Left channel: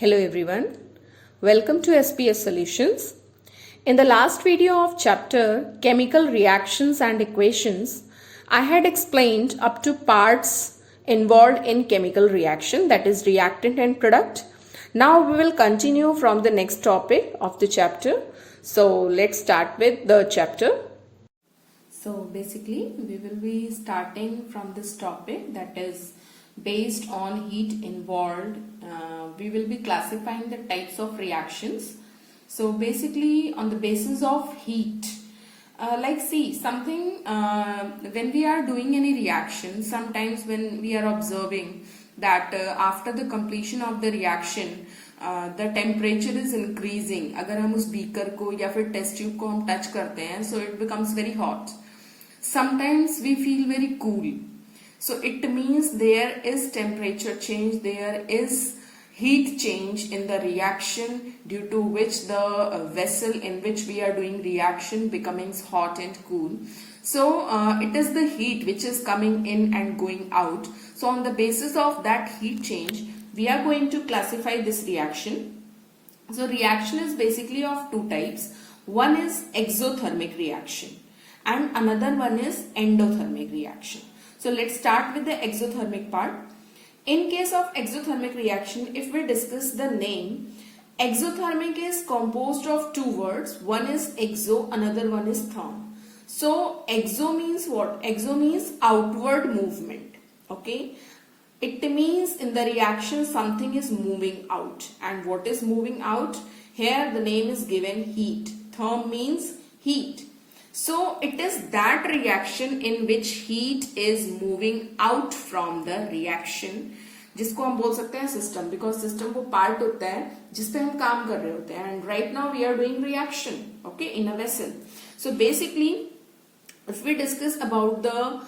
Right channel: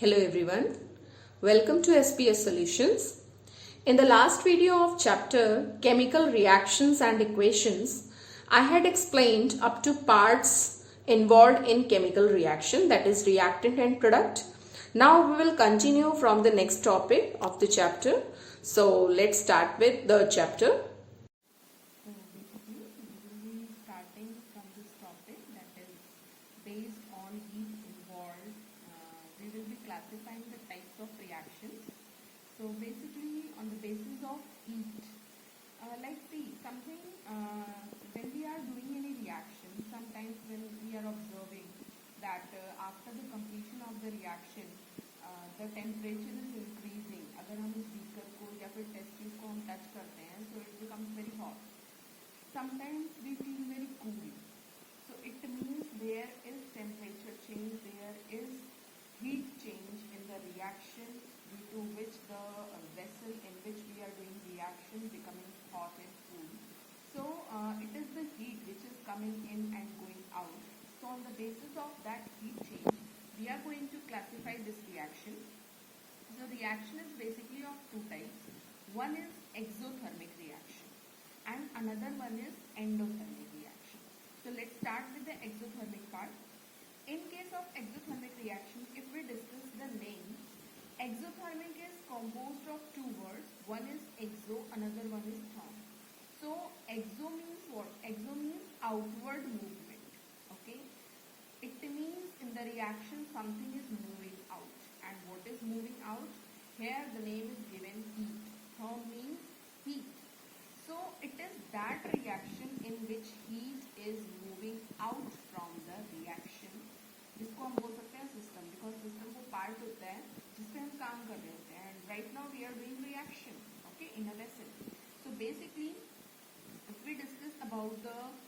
Hello everyone, welcome to SPS Solutions. In the last video of chapter Chemical Reactions and Equations, I had explained up to parts involved in chemical reaction, that is reactant and product. Now we will continue from the next topic of the chapter. So let's start with the chapter. So basically we will be starting from this topic, that is based on heat involved. We will be classifying the types of reactions. So basically on the basis of heat, something when we are doing any reaction, sometimes when we are observing that after the completion of the reaction the temperature is increasing. अगर हम उस beaker को या फिर test tube को हम touch करते हैं, so it becomes very hot. Sometimes we feel very cool. So it means there is temperature change, there is heat change in the reaction, due to which the vessel in which we are doing reaction becoming hot and cool. So it is the heat which is coming in and going out. So on the basis of that heat change, we are going to classify this reaction. So reaction is basically of two types. One is exothermic reaction and another one is endothermic reaction. So let's start with the exothermic part. In case of exothermic reaction, if we discuss the name, exothermic is composed of two words. One is exo, another one is therm. So exo means what? Exo means outward movement. Okay. It means in the reaction something is moving out. And what is moving out? Here the name is given heat. Therm means heat. So it is that reaction in which heat is moving out from the reaction, जिसको हम बोल सकते हैं system, because system वो part होता है जिस पे हम काम कर रहे होते हैं, and right now we are doing reaction, okay, in a vessel. So basically, if we discuss about the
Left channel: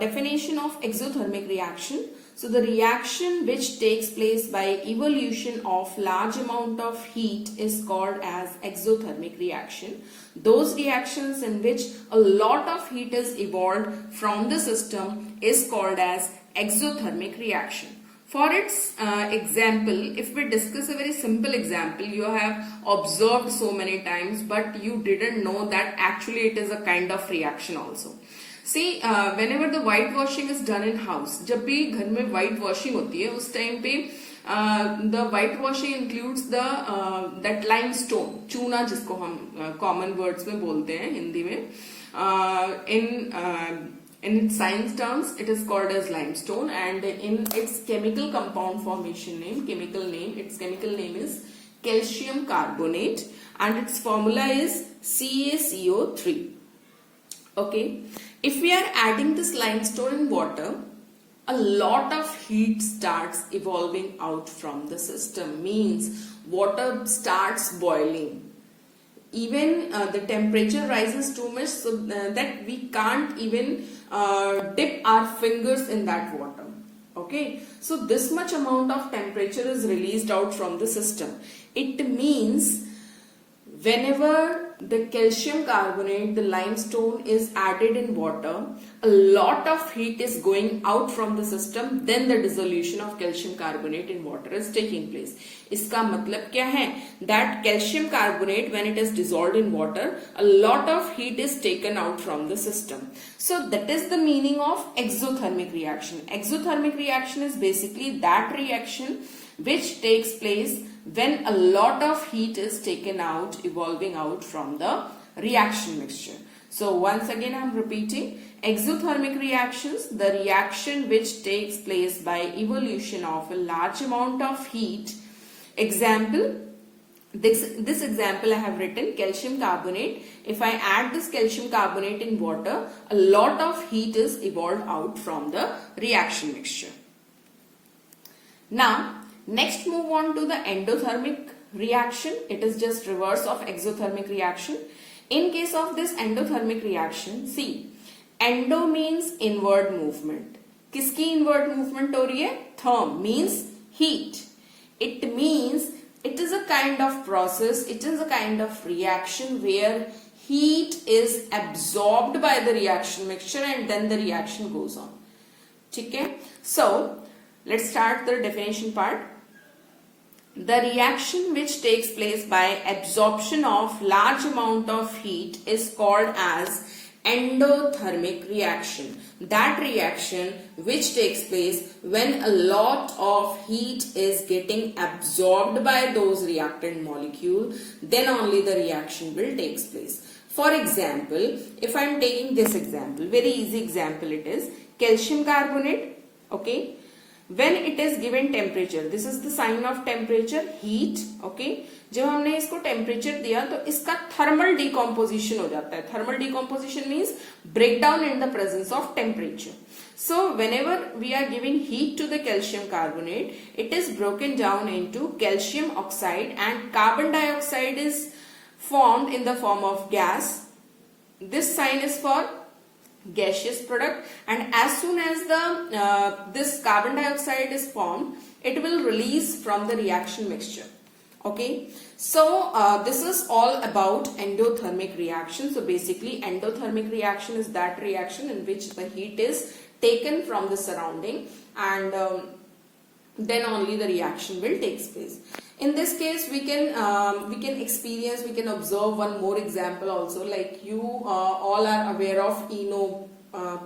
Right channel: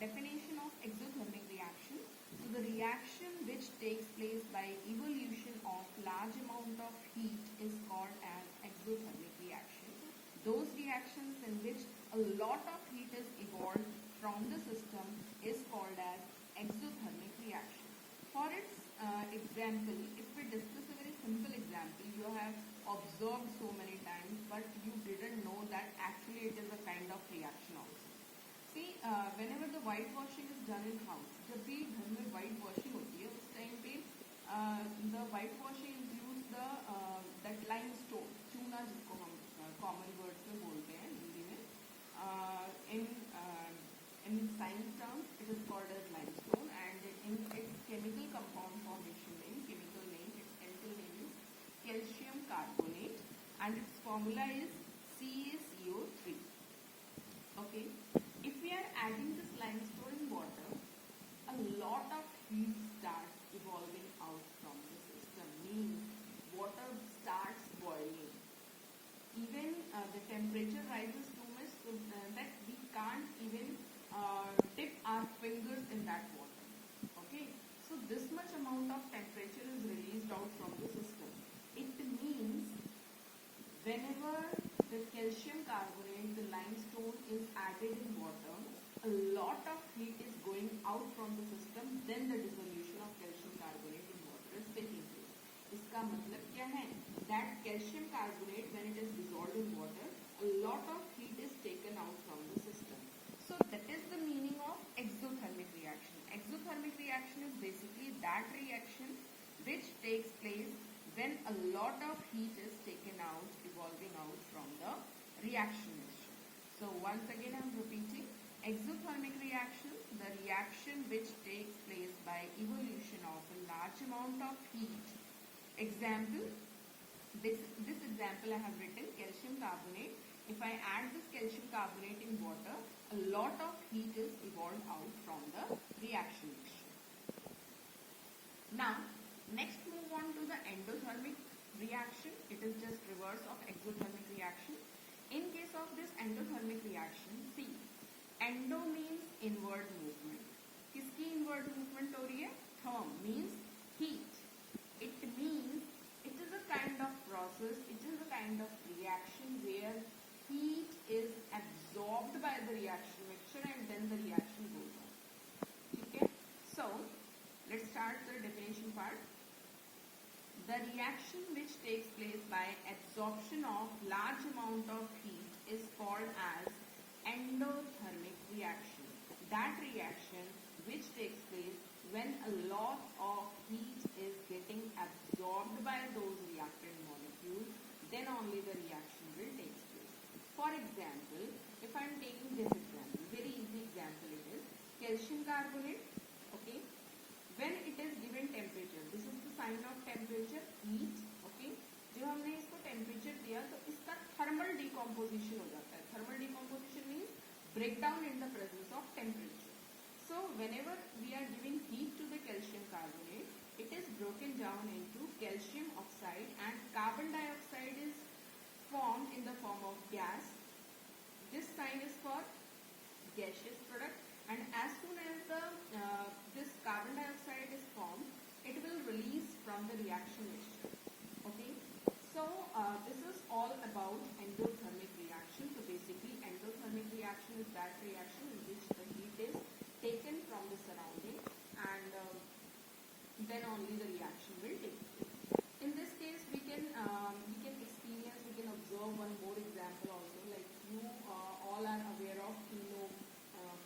definition of exothermic reaction, so the reaction which takes place by evolution of large amount of heat is called as exothermic reaction. Those reactions in which a lot of heat is evolved from the system is called as exothermic reaction. For its example, if we discuss a very simple example, you have observed so many times, but you didn't know that actually it is a kind of reaction also. See, whenever the whitewashing is done in house, जब भी घर में whitewashing होती है, उस time पे the whitewashing includes the that limestone, चूना जिसको हम common words में बोलते हैं हिंदी में, in science terms it is called as limestone, and in its chemical compound formation name, its chemical name is calcium carbonate, and its formula is CaCO3. Okay, if we are adding this limestone in water, a lot of heat starts evolving out from the system, means water starts boiling. Even the temperature rises too much, so that we can't even dip our fingers in that water. Okay, so this much amount of temperature is released out from the system. It means whenever the calcium carbonate, the limestone, is added in water, a lot of heat is going out from the system, then the dissolution of calcium carbonate in water is taking place. इसका मतलब क्या है? That calcium carbonate, when it is dissolved in water, a lot of heat is taken out from the system. So that is the meaning of exothermic reaction. Exothermic reaction is basically that reaction which takes place when a lot of heat is taken out, evolving out from the reaction mixture. So once again I am repeating, exothermic reactions, the reaction which takes place by evolution of a large amount of heat. Example, this example I have written calcium carbonate. If I add this calcium carbonate in water, a lot of heat is evolved out from the reaction mixture. Now, next move on to the endothermic reaction. It is just reverse of exothermic reaction. In case of this endothermic reaction, see, endo means inward movement. किसकी inward movement हो रही है? Therm means heat. It means it is a kind of process, it is a kind of reaction where heat is absorbed by the reaction mixture and then the reaction goes on. ठीक है? So let's start the definition part. The reaction which takes place by absorption of large amount of heat is called as endothermic reaction. That reaction which takes place when a lot of heat is getting absorbed by those reactant molecule, then only the reaction will take place. For example, if I am taking this example, very easy example it is, calcium carbonate, okay. When it is given temperature, this is the sign of temperature, heat, okay. जब हमने इसको temperature दिया तो इसका thermal decomposition हो जाता है. Thermal decomposition means breakdown in the presence of temperature. So whenever we are giving heat to the calcium carbonate, it is broken down into calcium oxide and carbon dioxide is formed in the form of gas. This sign is for gaseous product, and as soon as the this carbon dioxide is formed, it will release from the reaction mixture. Okay, so this is all about endothermic reaction. So basically endothermic reaction is that reaction in which the heat is taken from the surrounding, and then only the reaction will take place. In this case we can experience, we can observe one more example also. Like you all are aware of ENO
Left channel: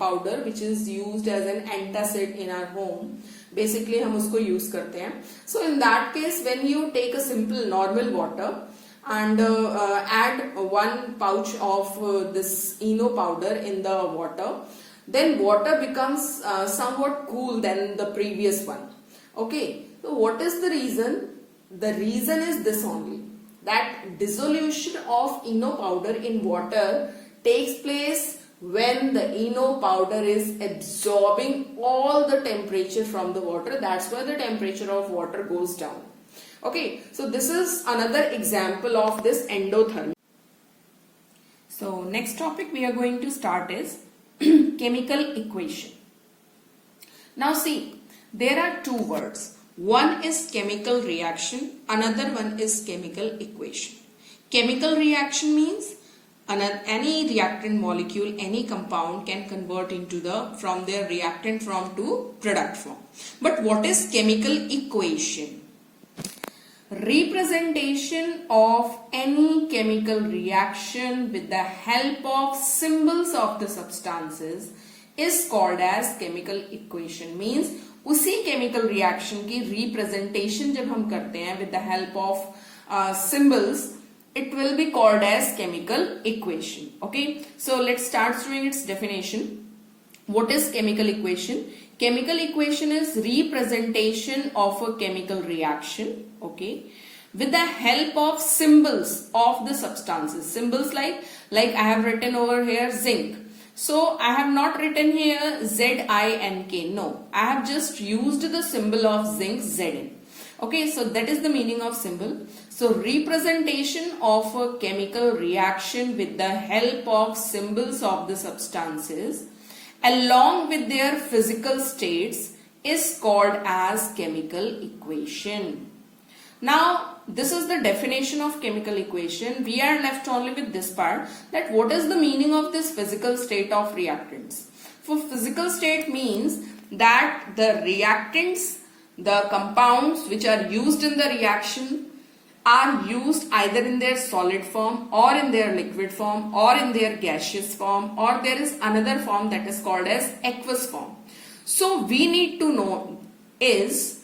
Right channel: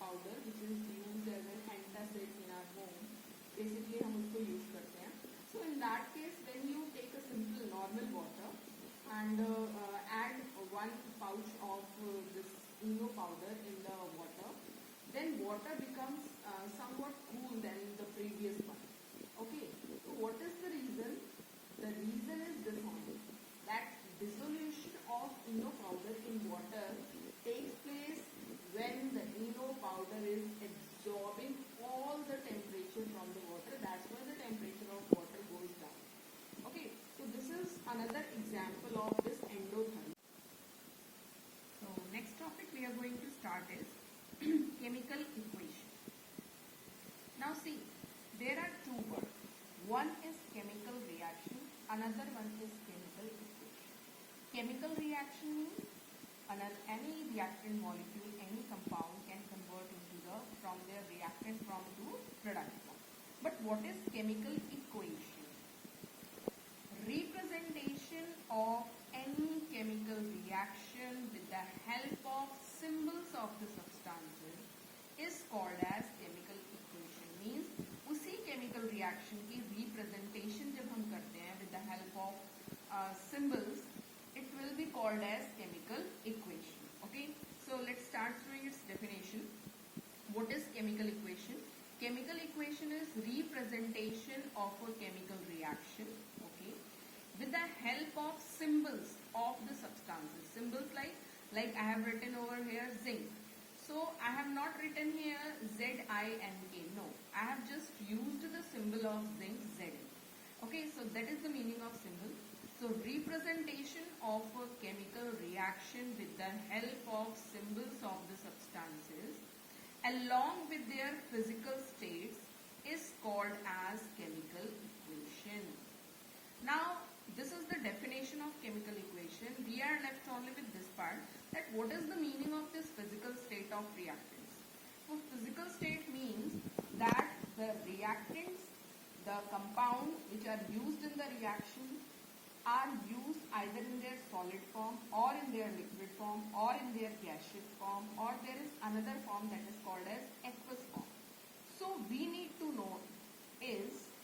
powder, which is used as an antacid in our home. Basically हम उसको use करते हैं. So in that case, when you take a simple normal water and add one pouch of this ENO powder in the water, then water becomes somewhat cool than the previous one. Okay, so what is the reason? The reason is this only, that dissolution of ENO powder in water takes place when the ENO powder is absorbing all the temperature from the water. That's why the temperature of water goes down. Okay, so this is another example of this endothermic. So next topic we are going to start is chemical equation. Now see, there are two words. One is chemical reaction, another one is chemical equation. Chemical reaction means any reactant molecule, any compound can convert into from their reactant form to product form. But what is chemical equation? Representation of any chemical reaction with the help of symbols of the substances is called as chemical equation. Means उसी chemical reaction की representation जब हम करते हैं with the help of symbols, it will be called as chemical equation. Okay, so let's start doing its definition. What is chemical equation? Chemical equation is representation of a chemical reaction, okay, with the help of symbols of the substances. Symbols like I have written over here zinc. So I have not written here ZINK. No, I have just used the symbol of zinc, Zn. Okay, so that is the meaning of symbol. So representation of a chemical reaction with the help of symbols of the substances along with their physical states is called as chemical equation. Now this is the definition of chemical equation. We are left only with this part, that what is the meaning of this physical state of reactants. For physical state means that the reactants, the compounds which are used in the reaction are used either in their solid form or in their liquid form or in their gaseous form, or there is another form that is called as aqueous form. So we need to know is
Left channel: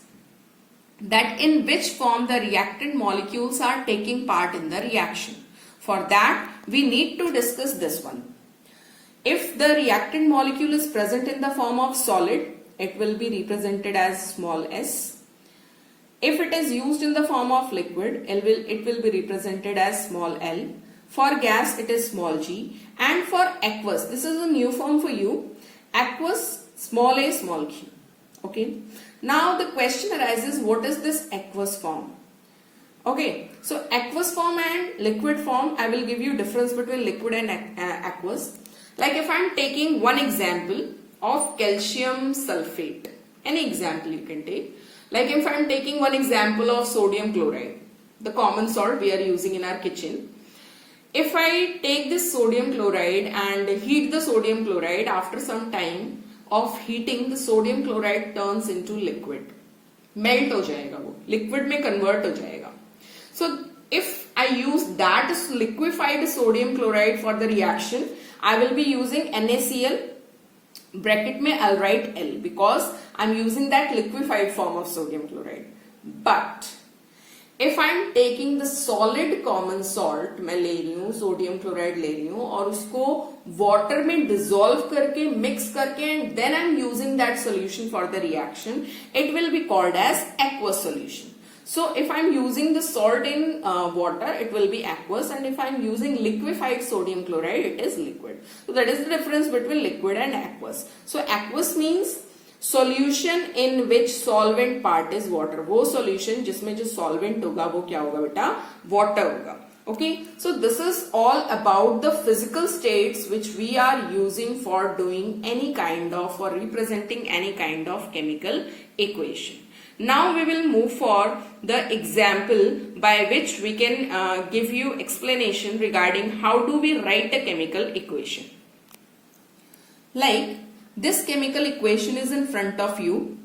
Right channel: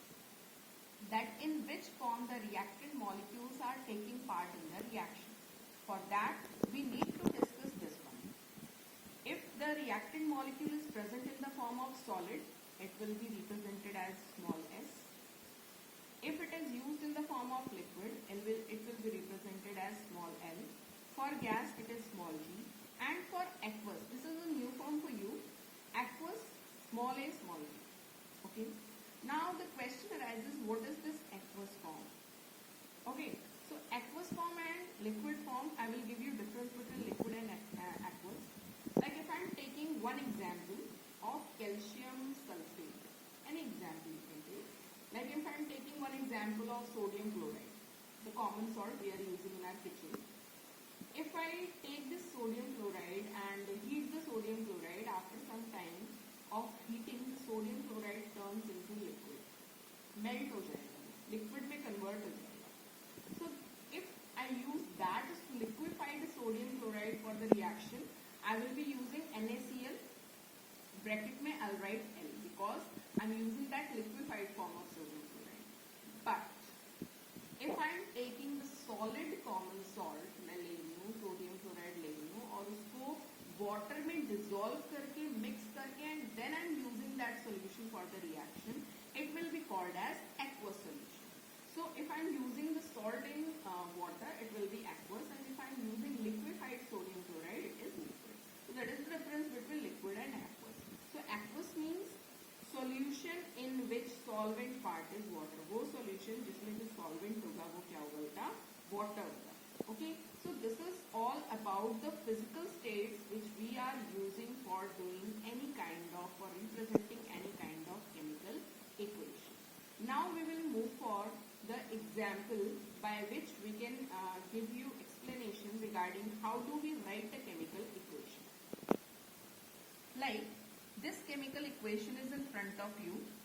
that in which form the reactant molecules are taking part in the reaction. For that we need to discuss this one. If the reactant molecule is present in the form of solid, it will be represented as small s. If it is used in the form of liquid, it will be represented as small l. For gas, it is small g. And for aqueous, this is a new form for you. Aqueous, small a, small q. Okay. Now the question arises, what is this aqueous form? Okay. So aqueous form and liquid form, I will give you difference between liquid and aqueous. Like if I am taking one example of calcium sulfate. Any example you can take. Like if I am taking one example of sodium chloride, the common salt we are using in our kitchen. If I take this sodium chloride and heat the sodium chloride, after some time of heating, the sodium chloride turns into liquid. Melt हो जाएगा, वो liquid में convert हो जाएगा. सो if I use that liquefied sodium chloride for the reaction, I will be using NaCl, bracket में I'll write L, because I'm using that liquefied form of sodium chloride. But if I'm taking the solid common salt, मैं ले रही हूँ sodium chloride ले रही हूँ और उसको वाटर में डिसॉल्व करके मिक्स करके and then I'm using that solution for the reaction, it will be called as aqueous solution. So if I'm using the salt in water, it will be aqueous, and if I'm using liquefied sodium chloride, it is liquid. So that is the difference between liquid and aqueous. So aqueous means solution in which solvent part is water. वो solution जिसमें जो solvent होगा वो क्या होगा बेटा? Water होगा. Okay. So this is all about the physical states which we are using for doing any kind of or representing any kind of chemical equation. Now we will move for the example by which we can give you explanation regarding how do we write a chemical equation. Like this chemical equation is in front of you.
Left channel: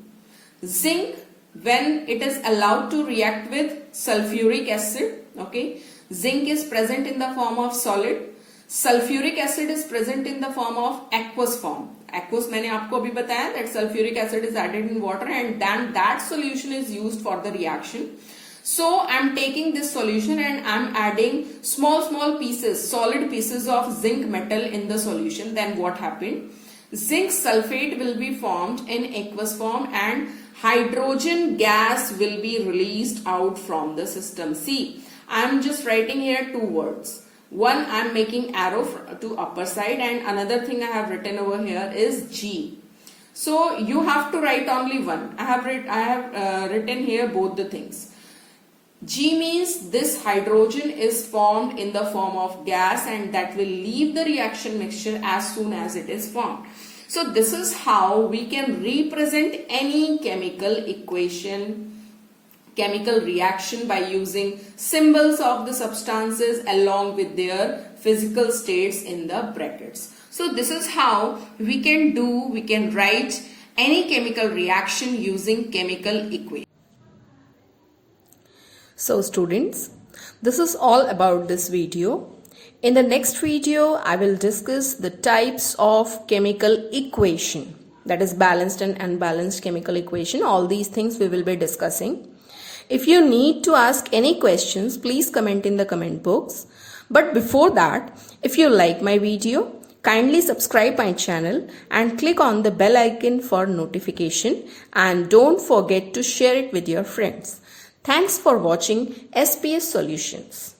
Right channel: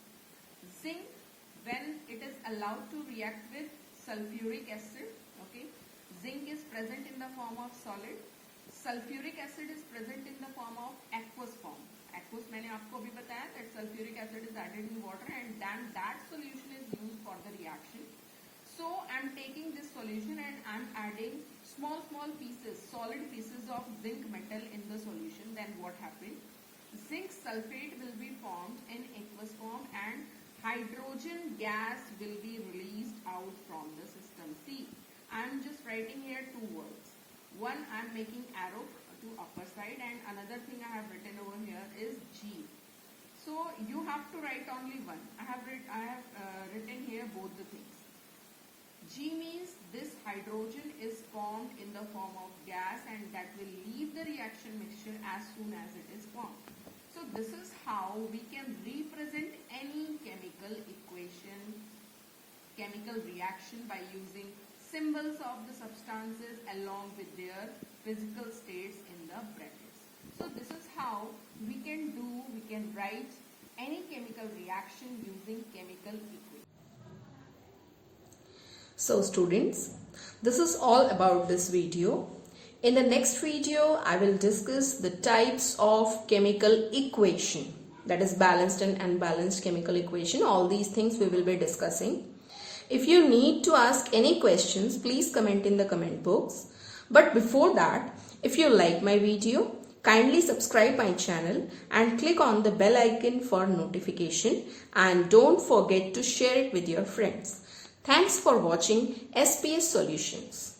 Zinc, when it is allowed to react with sulfuric acid, okay, zinc is present in the form of solid. Sulfuric acid is present in the form of aqueous form. Aqueous मैंने आपको अभी बताया that sulfuric acid is added in water and then that solution is used for the reaction. So I'm taking this solution and I'm adding small pieces, solid pieces of zinc metal in the solution. Then what happened? Zinc sulfate will be formed in aqueous form and hydrogen gas will be released out from the system. See, I'm just writing here two words. One, I'm making arrow to upper side, and another thing I have written over here is G. So you have to write only one. I have written here both the things. G means this hydrogen is formed in the form of gas and that will leave the reaction mixture as soon as it is formed. So this is how we can represent any chemical equation, chemical reaction by using symbols of the substances along with their physical states in the brackets. So this is how we can write any chemical reaction using chemical equation. So students, this is all about this video. In the next video, I will discuss the types of chemical equation, that is balanced and unbalanced chemical equation. All these things we will be discussing. If you need to ask any questions, please comment in the comment box. But before that, if you like my video, kindly subscribe my channel and click on the bell icon for notification, and don't forget to share it with your friends. Thanks for watching SPS Solutions.